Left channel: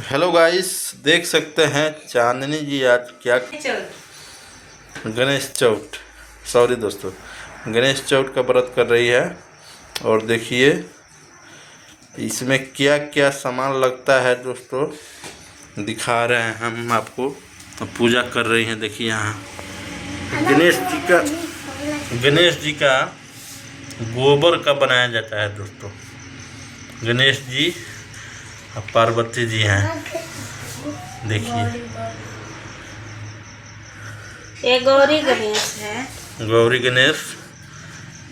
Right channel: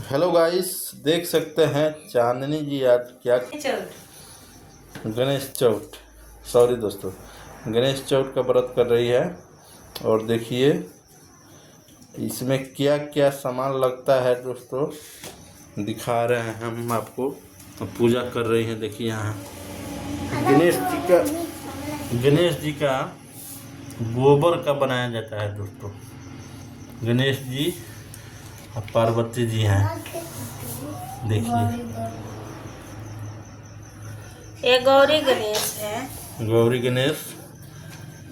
Hello guys, देख सकते हैं चांदनी जी आज क्या गणेश चौथ सॉरी दोस्तों गणेश चौथ का व्रत कर रही है। और देखिए इसमें क्या क्या सामान लगता है दोस्तों, दिखा रहे हैं हम आपको। तो पूजा कर रही हैं। देखिए यहाँ गणेश जी का गोबर का बनाया जाता है दोस्तों। गणेश जी और पार्वती जी हैं। देखिए ये गौरी गणेश है। गौरी गणेश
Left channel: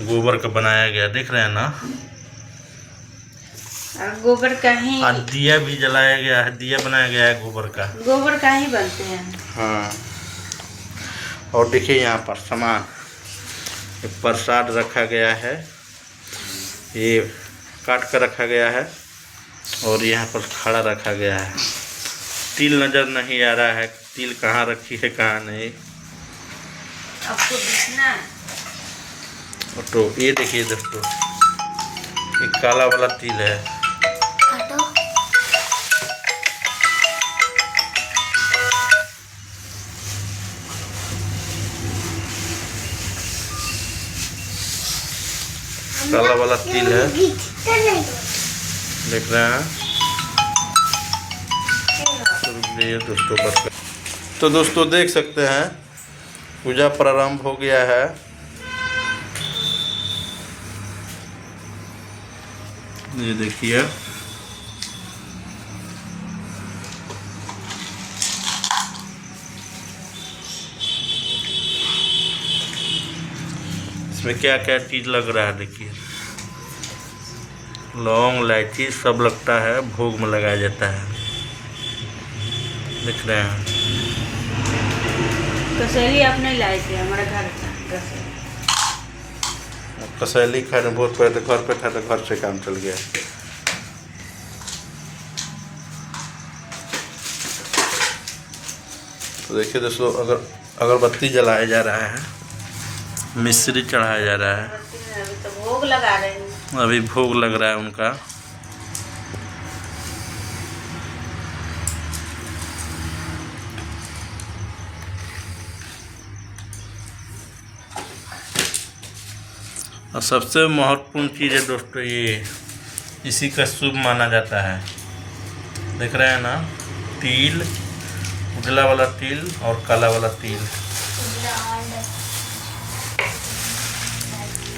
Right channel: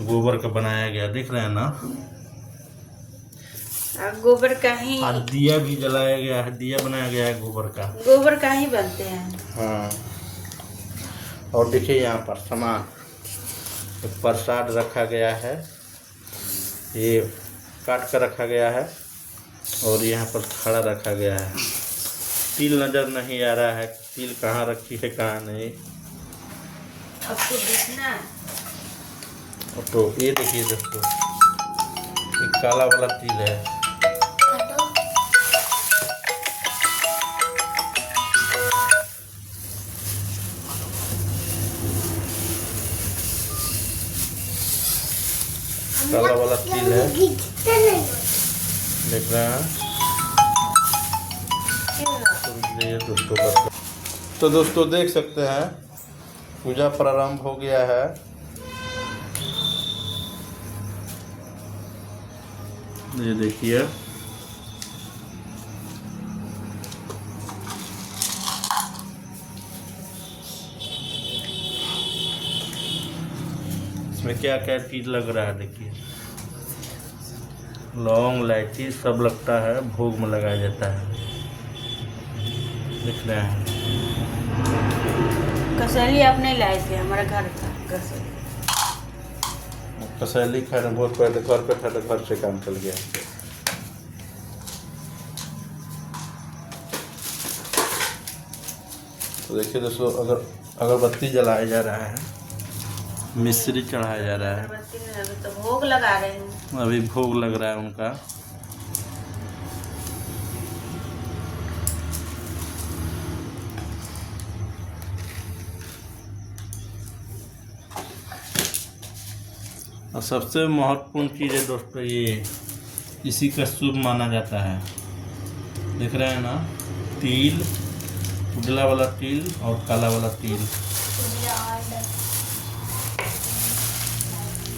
गोबर का बनाया गया, देख रहे हैं ना। और गोबर का ही और दिया भी जलाया गया है, दिया बनाया गया है गोबर का। गोबर का ही बनते हैं। हाँ, और देखिए यहाँ पर सामान प्रसाद रखा गया है, ये काट कर रखा गया है। और यहाँ पर खड़ा रखा गया है। तिल नज़र नहीं आ रहा है, तिल कहाँ रखी है कहाँ नहीं। आपको दिखना तो ये देखिए दोस्तों, ये काला वाला तिल है। काला वाला तिल है, देख रहे हैं। तो दोस्तों देख सकते हैं पूजा प्रारंभ हो गया है। ये देखिए इसमें क्या क्या चीज लग रहा है। देखिए लौंग इलायची सब लगता है, भोग में लगाया जाता है। दिख रहे हैं। कसैली अपने लाए थे हमारे घर का कसैली खाने बहुत पहले घर पे था, तो घर से काम चल गया। तो देखिए दोस्तों, अगरबत्ती जलाया जा रहा है, मिश्री चढ़ाया जा रहा है। अभी तो भोग लगा रही हूँ। अभी भोग लग रहा है उनका। और सबसे महत्वपूर्ण चीज़ है दोस्तों, ये इसी का शुभ माना जाता है। देख रहे हैं ना, तिल, उजला वाला तिल और काला वाला तिल।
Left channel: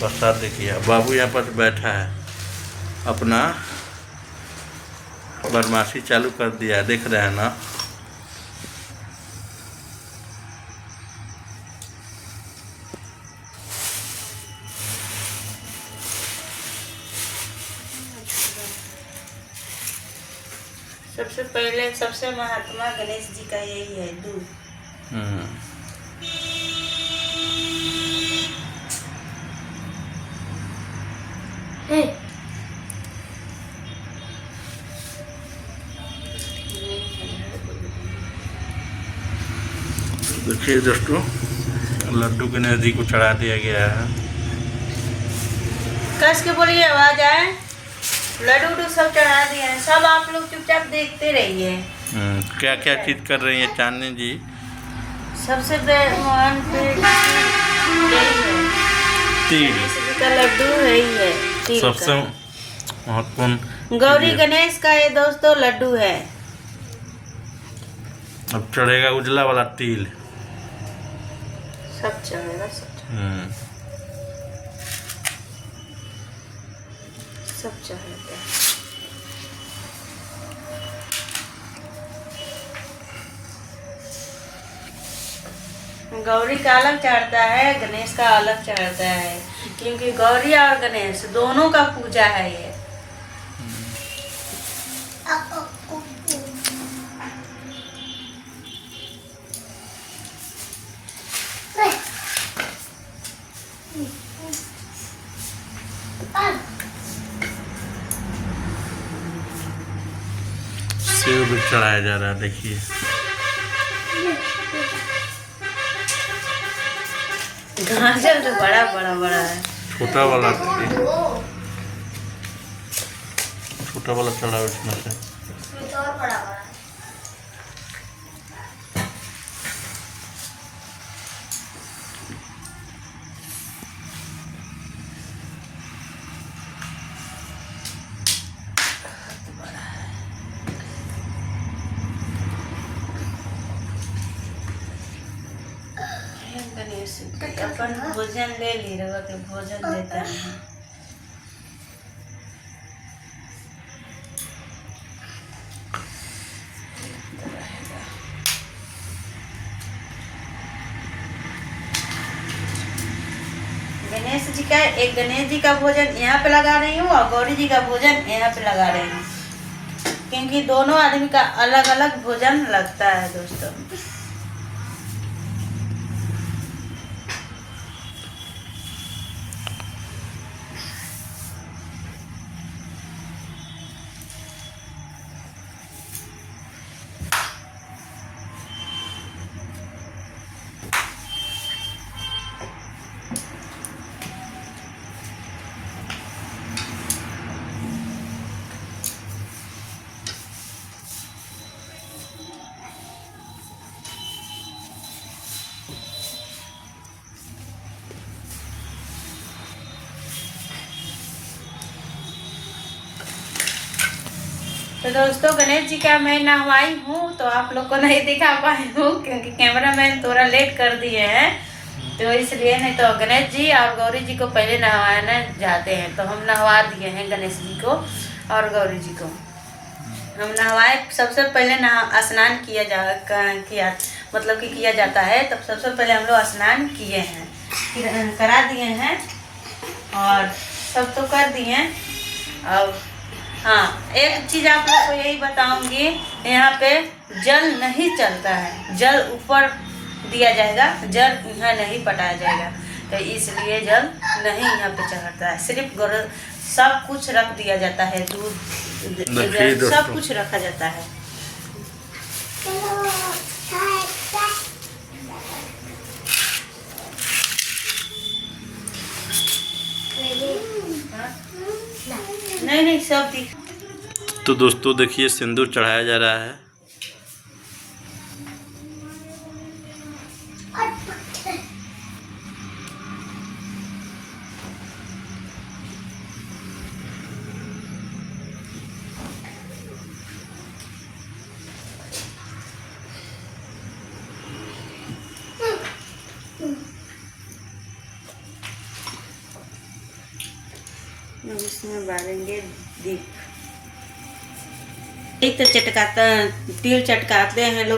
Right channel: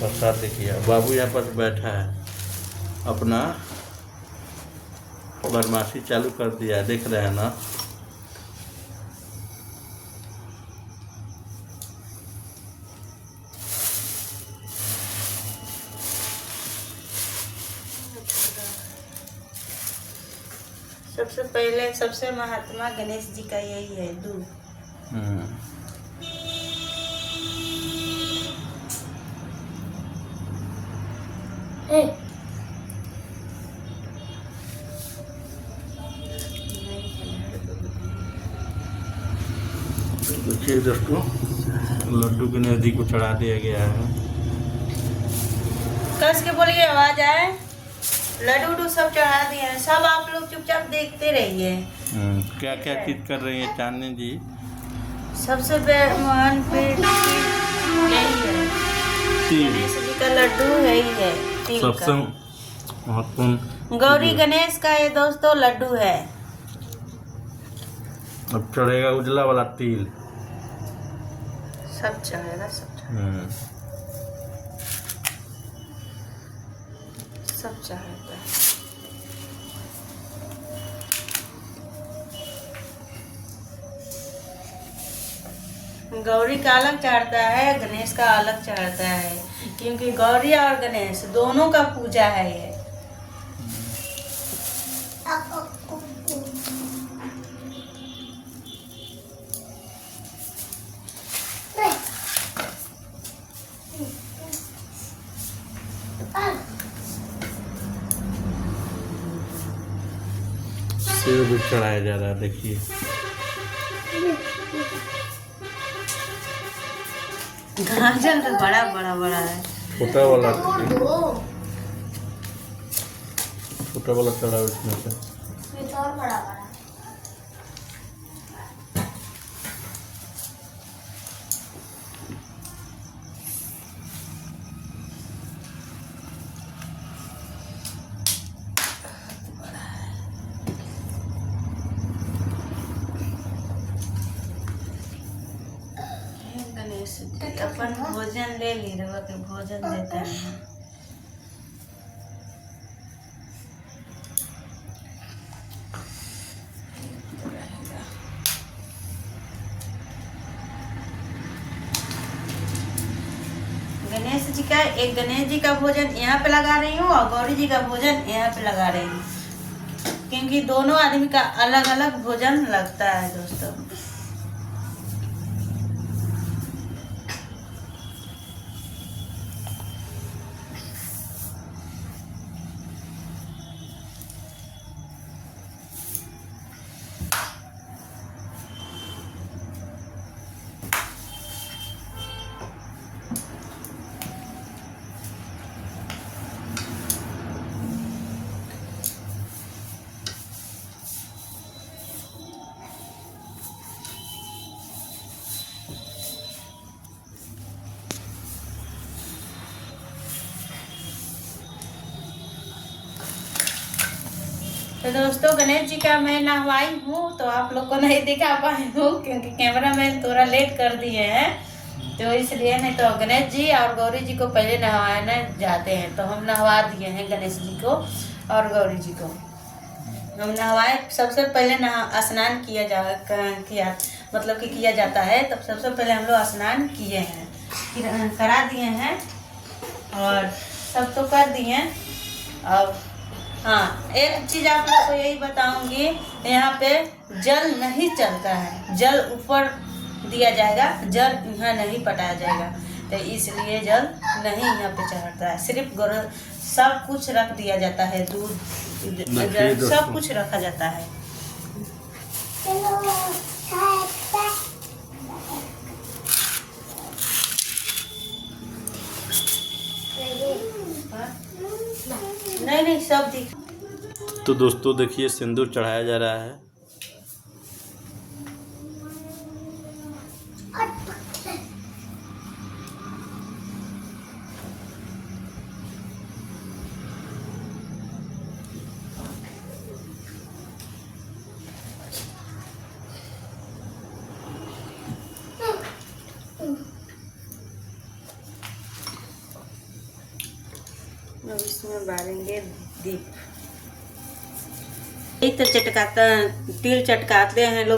प्रसाद देखिए, बाबू यहाँ पर बैठा है, अपना बदमाशी चालू कर दिया, देख रहे हैं ना। सबसे पहले सबसे महात्मा गणेश जी का यही है, दूध। देखिए दोस्तों, लड्डू गणेश जी को चढ़ा दिया गया है। कस के बोलिए, आवाज आए। लड्डू सब चढ़ा दिए हैं, सब आप लोग चुपचाप देखते रहिए। क्या क्या चीज कर रही है चांदनी जी। सबसे महान तिल का लड्डू है ही है, तिल सबसे का। महत्वपूर्ण गौरी गणेश का ये दोस्तों लड्डू है। अब चढ़ेगा उजला वाला तिल। सब चढ़ेगा, सब चढ़ेगा। गौरी का अलग चढ़ता है, गणेश का अलग चढ़ता है, क्योंकि गौरी और गणेश दोनों का पूजा है ये। सेव भी चढ़ाया जा रहा है। देखिए गाजर तो बड़ा बड़ा बड़ा है। छोटा वाला छोटा वाला चढ़ा उसमें से। इसमें तो और बड़ा बड़ा है। अपन भोजन ले ली रवा के भोजन देते हैं। गणेश जी का भोजन यहाँ पे लगा रही हूँ और गौरी जी का भोजन यहाँ पे लगा रही हूँ, क्योंकि दोनों आदमी का अलग अलग भोजन लगता है दोस्तों। तो दोस्तों गणेश जी का मैं नहवाई हूँ, तो आप लोग को नहीं दिखा पाई हूँ क्योंकि कैमरामैन थोड़ा लेट कर दिए हैं, तो इसलिए। नहीं तो गणेश जी और गौरी जी को पहले नहवाने जाते हैं, तो हम नहवा दिए हैं गणेश जी को और गौरी जी को। हम नहवाए, सबसे पहले स्नान किया मतलब कि किया जाता है, तब सबसे पहले हम लोग स्नान किए हैं, फिर करा दिए हैं और सब तो कर दिए। अब हाँ, एक चीज आप लोग को यही बताऊंगी, यहाँ पे जल नहीं चलता है, जल ऊपर दिया जाएगा, जल यहाँ नहीं पटाया जाएगा, तो इसलिए जल नहीं यहाँ पे चढ़ता है। सिर्फ सब कुछ रख दिया जाता है, दूध सब कुछ रखा जाता है। नहीं सब दिख। तो दोस्तों देखिए सिंदूर चढ़ाया जा रहा है। इसमें बारेंगे दीप। एक तो तिल चटकाते हैं लोग।